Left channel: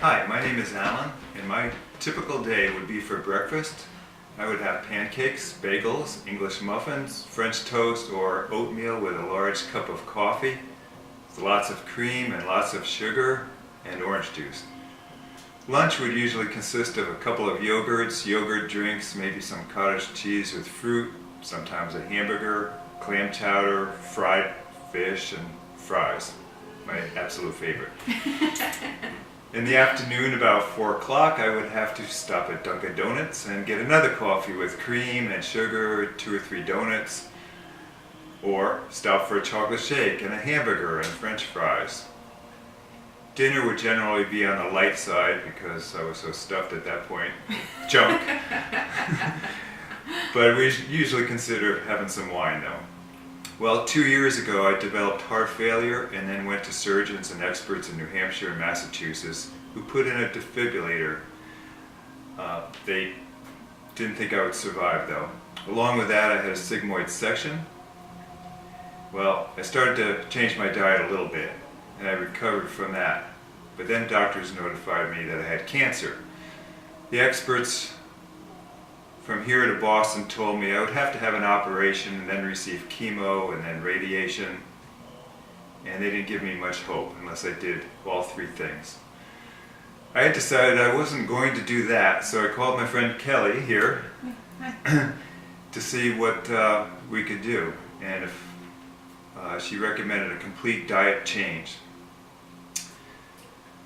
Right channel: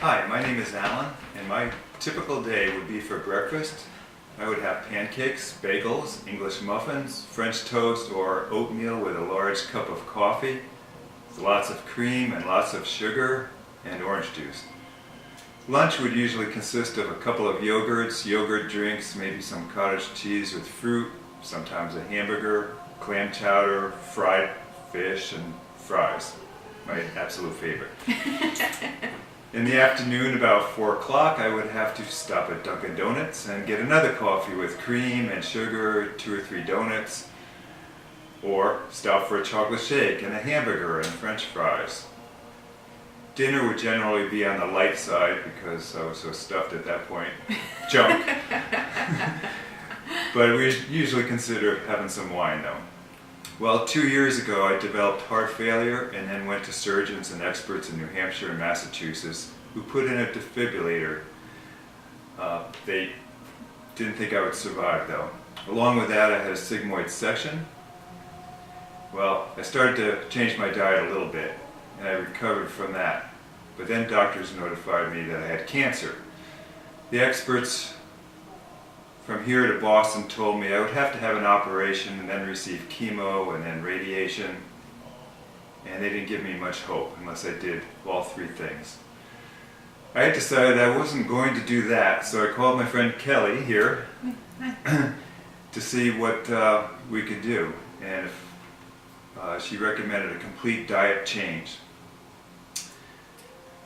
Hi, my name is Alan, and my typical day would be for breakfast. I would have pancakes, bagels, English muffins, French toast, or oatmeal with a large cup of coffee, with lots of cream and lots of sugar, and orange juice. Lunch would usually consist of a couple of yogurts, yogurt drinks, maybe some cottage cheese with fruit, sometimes a hamburger, clam chowder, fried fish, and fries. My absolute favorite. In the afternoon, about 4 o'clock, I would have to stop at Dunkin' Donuts and get another coffee with cream and sugar, 2 or 3 donuts, or stop for a chocolate shake and a hamburger and French fries. Dinner would generally be on the light side because I was so stuffed at that point. Junk. But we usually consider having some wine though. Well, 2 years ago I developed heart failure and then went to surgeons and experts in New Hampshire and Massachusetts who put in a defibrillator. They didn't think I would survive though. Along with that I had a sigmoid section. Well, I started to change my diet a little bit and I recovered from that. But then doctors notified me that I had cancer. The experts from here to Boston told me I would have to have an operation and then receive chemo and then radiation, and they didn't give me much hope unless I did all 3 things. I had decided I wasn't going to do that, so I called my friend Kelly here to see what we could do, and if she recommended a complete diet change.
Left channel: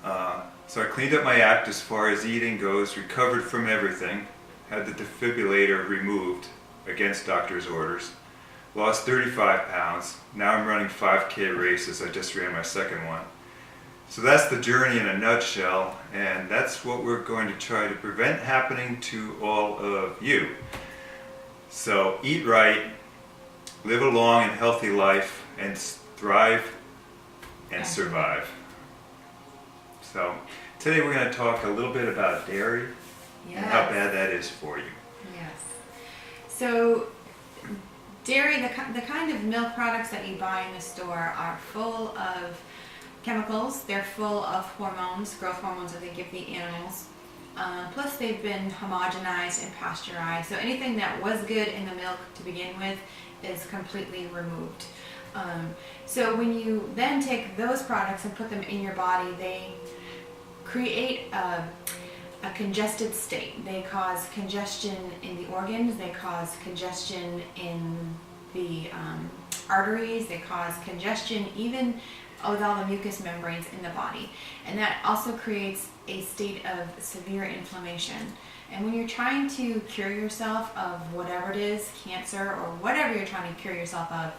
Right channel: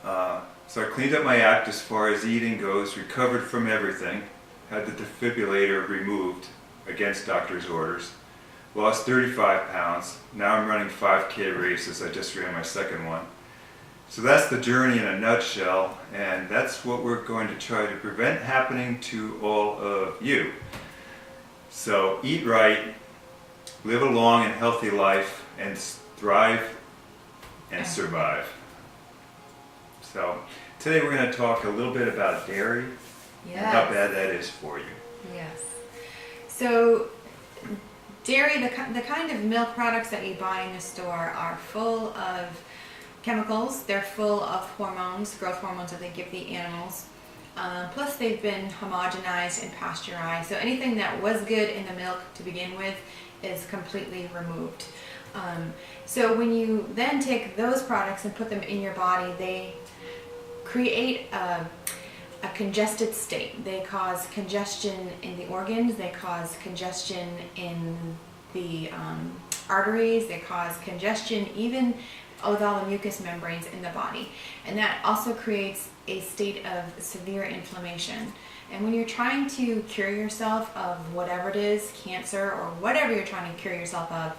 So I cleaned up my act as far as eating goes, recovered from everything, had the defibrillator removed against doctor's orders, lost 35 pounds. Now I'm running 5K races. I just ran my second one. So that's the journey in a nutshell, and that's what we're going to try to prevent happening to all of you. So eat right, live a long and healthy life, and thrive and survive. So today we're going to talk a little bit about dairy. Yes. And how bad that is for you. Yes. So dairy, the kind of milk products that you buy in the store are full of chemicals. They're full of hormones, growth hormones that they give the animals. Plus they've been homogenized and pasteurized. So anything that was good in the milk to begin with is completely removed. So when you then take those products and put them in your body, they create a congested state. They cause congestion in the organs, they cause congestion in the arteries, they cause congestion even with all the mucous membranes in the body. And that also creates a state of severe inflammation. And when you're trying to cure yourself of whatever it is, cancer or whatever you're trying to cure yourself of,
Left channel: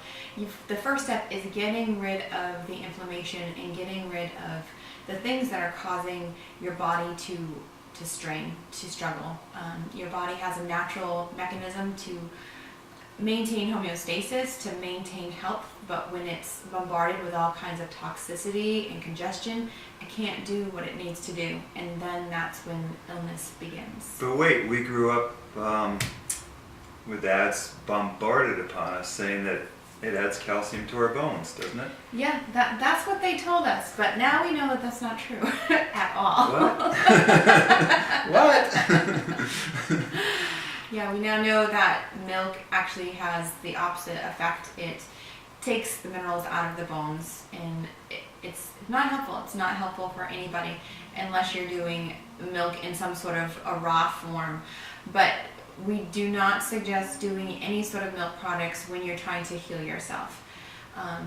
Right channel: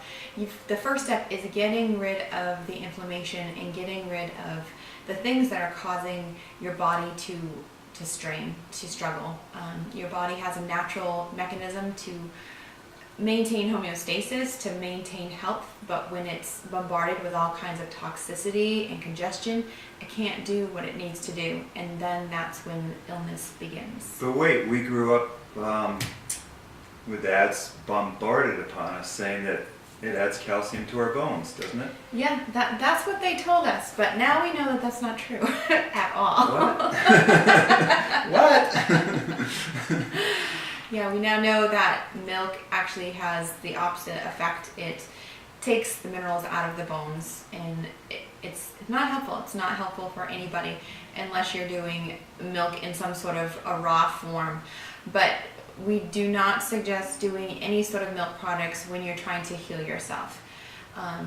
the first step is getting rid of the inflammation and getting rid of the things that are causing your body to strain, to struggle. Your body has a natural mechanism to maintain homeostasis, to maintain health, but when it's bombarded with all kinds of toxicity and congestion, it can't do what it needs to do, and then that's when illness begins. But wait, we grew up with ads bombarded upon us saying that it adds calcium to our bones, doesn't it? Yeah, that's what they told us, but now we know that that's not true at all. What? What? Yeah, we now know that milk actually has the opposite effect. It takes the minerals out of the bones, and it's not helpful. It's not helpful for anybody unless you're doing milk in some sort of a raw form. But we do not suggest doing any sort of milk products when you're trying to heal yourself.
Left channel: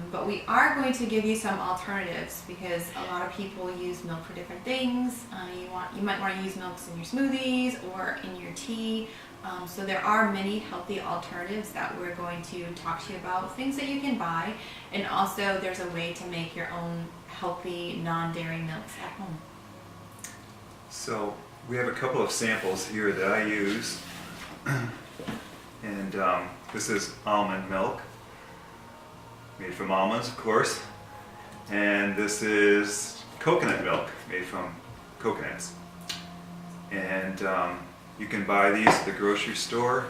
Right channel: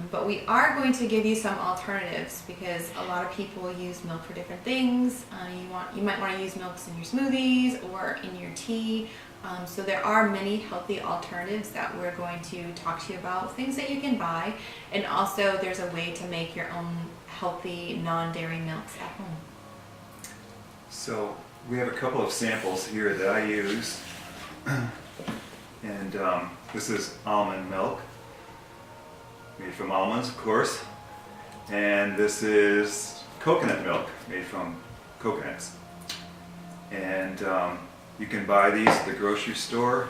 But we are going to give you some alternatives because a lot of people use milk for different things. You might want to use milks in your smoothies or in your tea. So there are many healthy alternatives that we're going to talk to you about, things that you can buy, and also there's a way to make your own healthy non-dairy milks at home. So we have a couple of samples here that I use, and this is almond milk, made from almonds, of course, and this is coconut milk, made from coconuts, and you can buy these at the grocery store,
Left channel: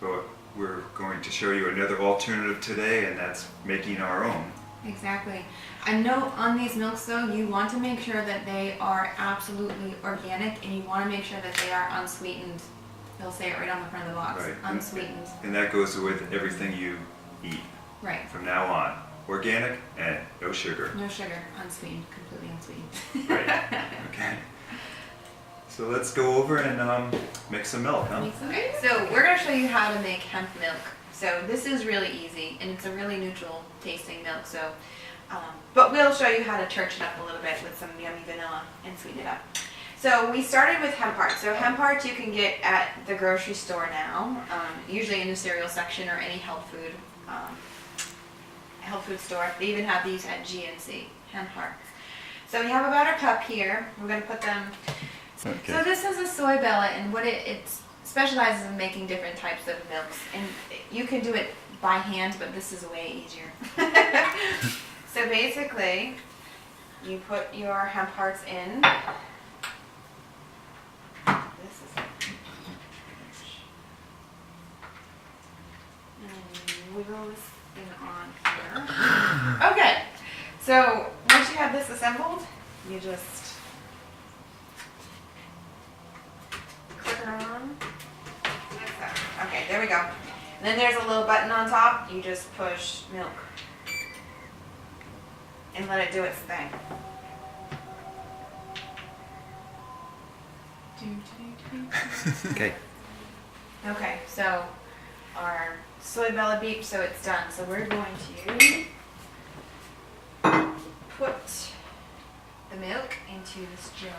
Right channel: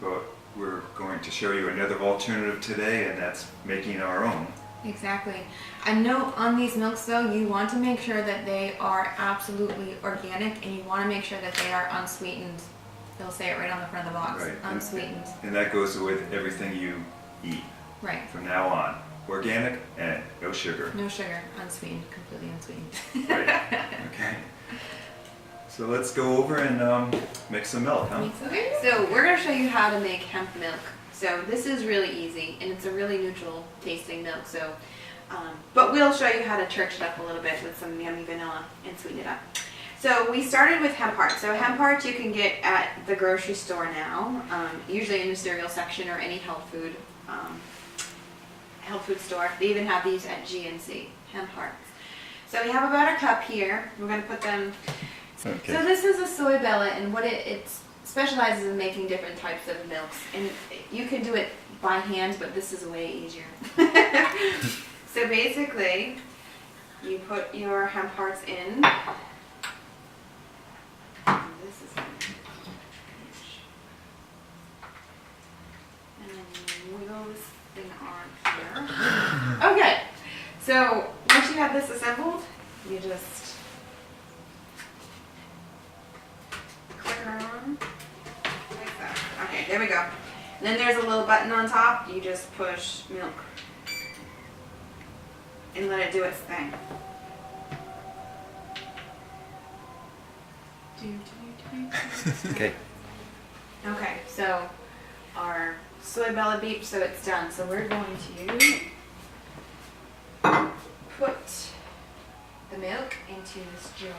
but we're going to show you another alternative today, and that's making our own. Exactly. A note on these milks though, you want to make sure that they are absolutely organic and you want to make sure that they are unsweetened. They'll say it right on the front of the box. Right. Unsweetened. And that goes with everything you eat Right. from now on. Organic and no sugar. No sugar. Unsweetened. Completely unsweetened. Right. Okay. So let's go over and mix some milk, huh? Okay, so we're going to show you how to make hemp milk. So this is really easy, and it's a really neutral tasting milk. So, but we'll show you how to church it up a little bit with some yummy vanilla and sweeten it up. So we started with hemp hearts. So hemp hearts you can get at the grocery store now, usually in the cereal section or any health food store. They even have these at GNC, hemp hearts. So we have about a cup here. We're going to put them. Okay. So this is a soy bellet, and what it specializes in making different types of milks, and you can do it by hand, but this is way easier. So basically, you put your hemp hearts in. This is and then you wiggle this thing on here. Okay, so once you have this assembled, you just click her on. Okay, there we go. And then there's a little button on top. You just push milk and let it do its thing. Okay. Okay, so our soy bellet beeped, so it's done. So we're going to put the milk into this jar.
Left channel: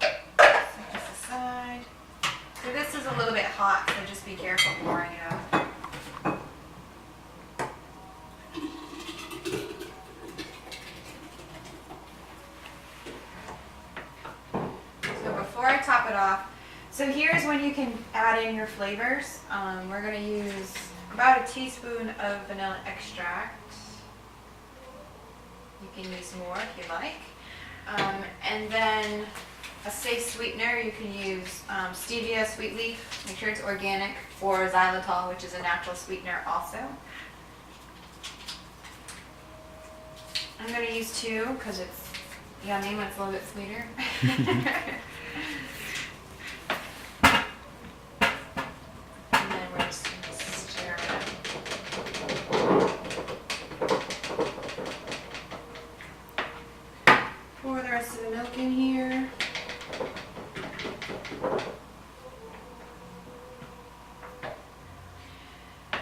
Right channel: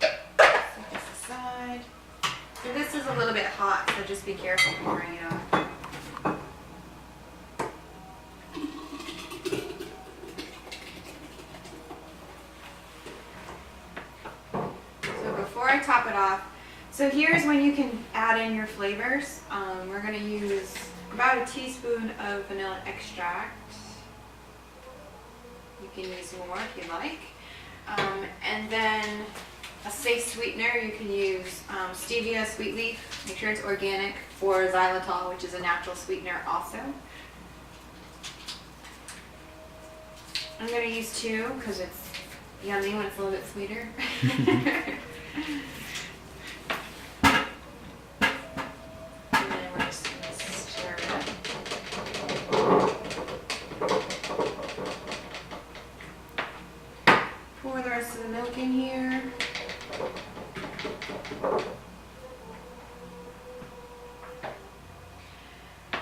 Set this aside. So this is a little bit hot, so just be careful pouring it out. So before I top it off, so here's when you can add in your flavors. We're going to use about a teaspoon of vanilla extract. You can use more if you like. And then a safe sweetener, you can use stevia, sweet leaf, make sure it's organic, or xylitol, which is a natural sweetener also. I'm going to use 2 because it's yummy when it's a little bit sweeter. And then we're just going to stir it up. Pour the rest of the milk in here.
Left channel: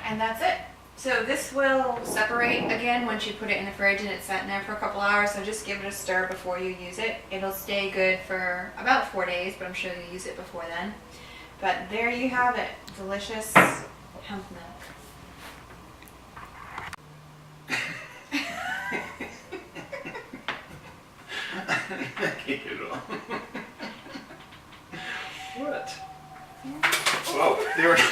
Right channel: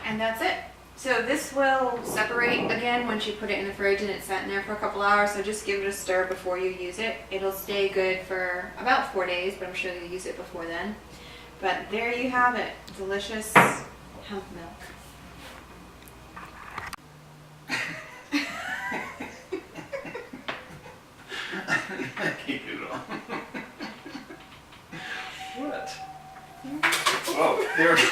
And that's it. So this will separate again once you put it in the fridge and it's sat in there for a couple hours. So just give it a stir before you use it. It'll stay good for about 4 days, but I'm sure you'll use it before then. But there you have it. Delicious hemp milk. Keep it on. What? Oh, there it is.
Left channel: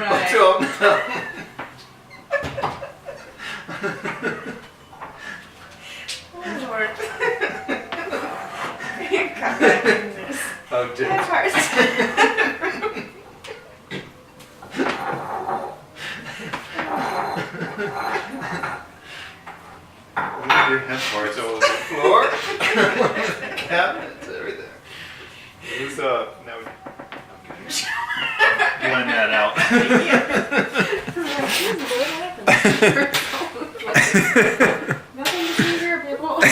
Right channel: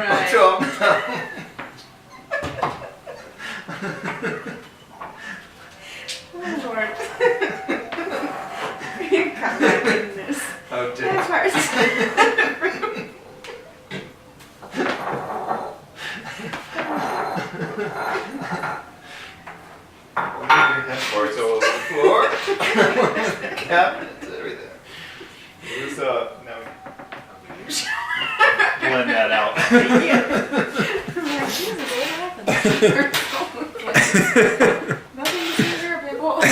What's up now? Oh Lord. You got that in this. Oh, That dear. hurts. What are your hemp parts all over the floor? The cabinets, everything. So now we blend that out. I'm like, Jesus, what happened? Nothing to see here, people.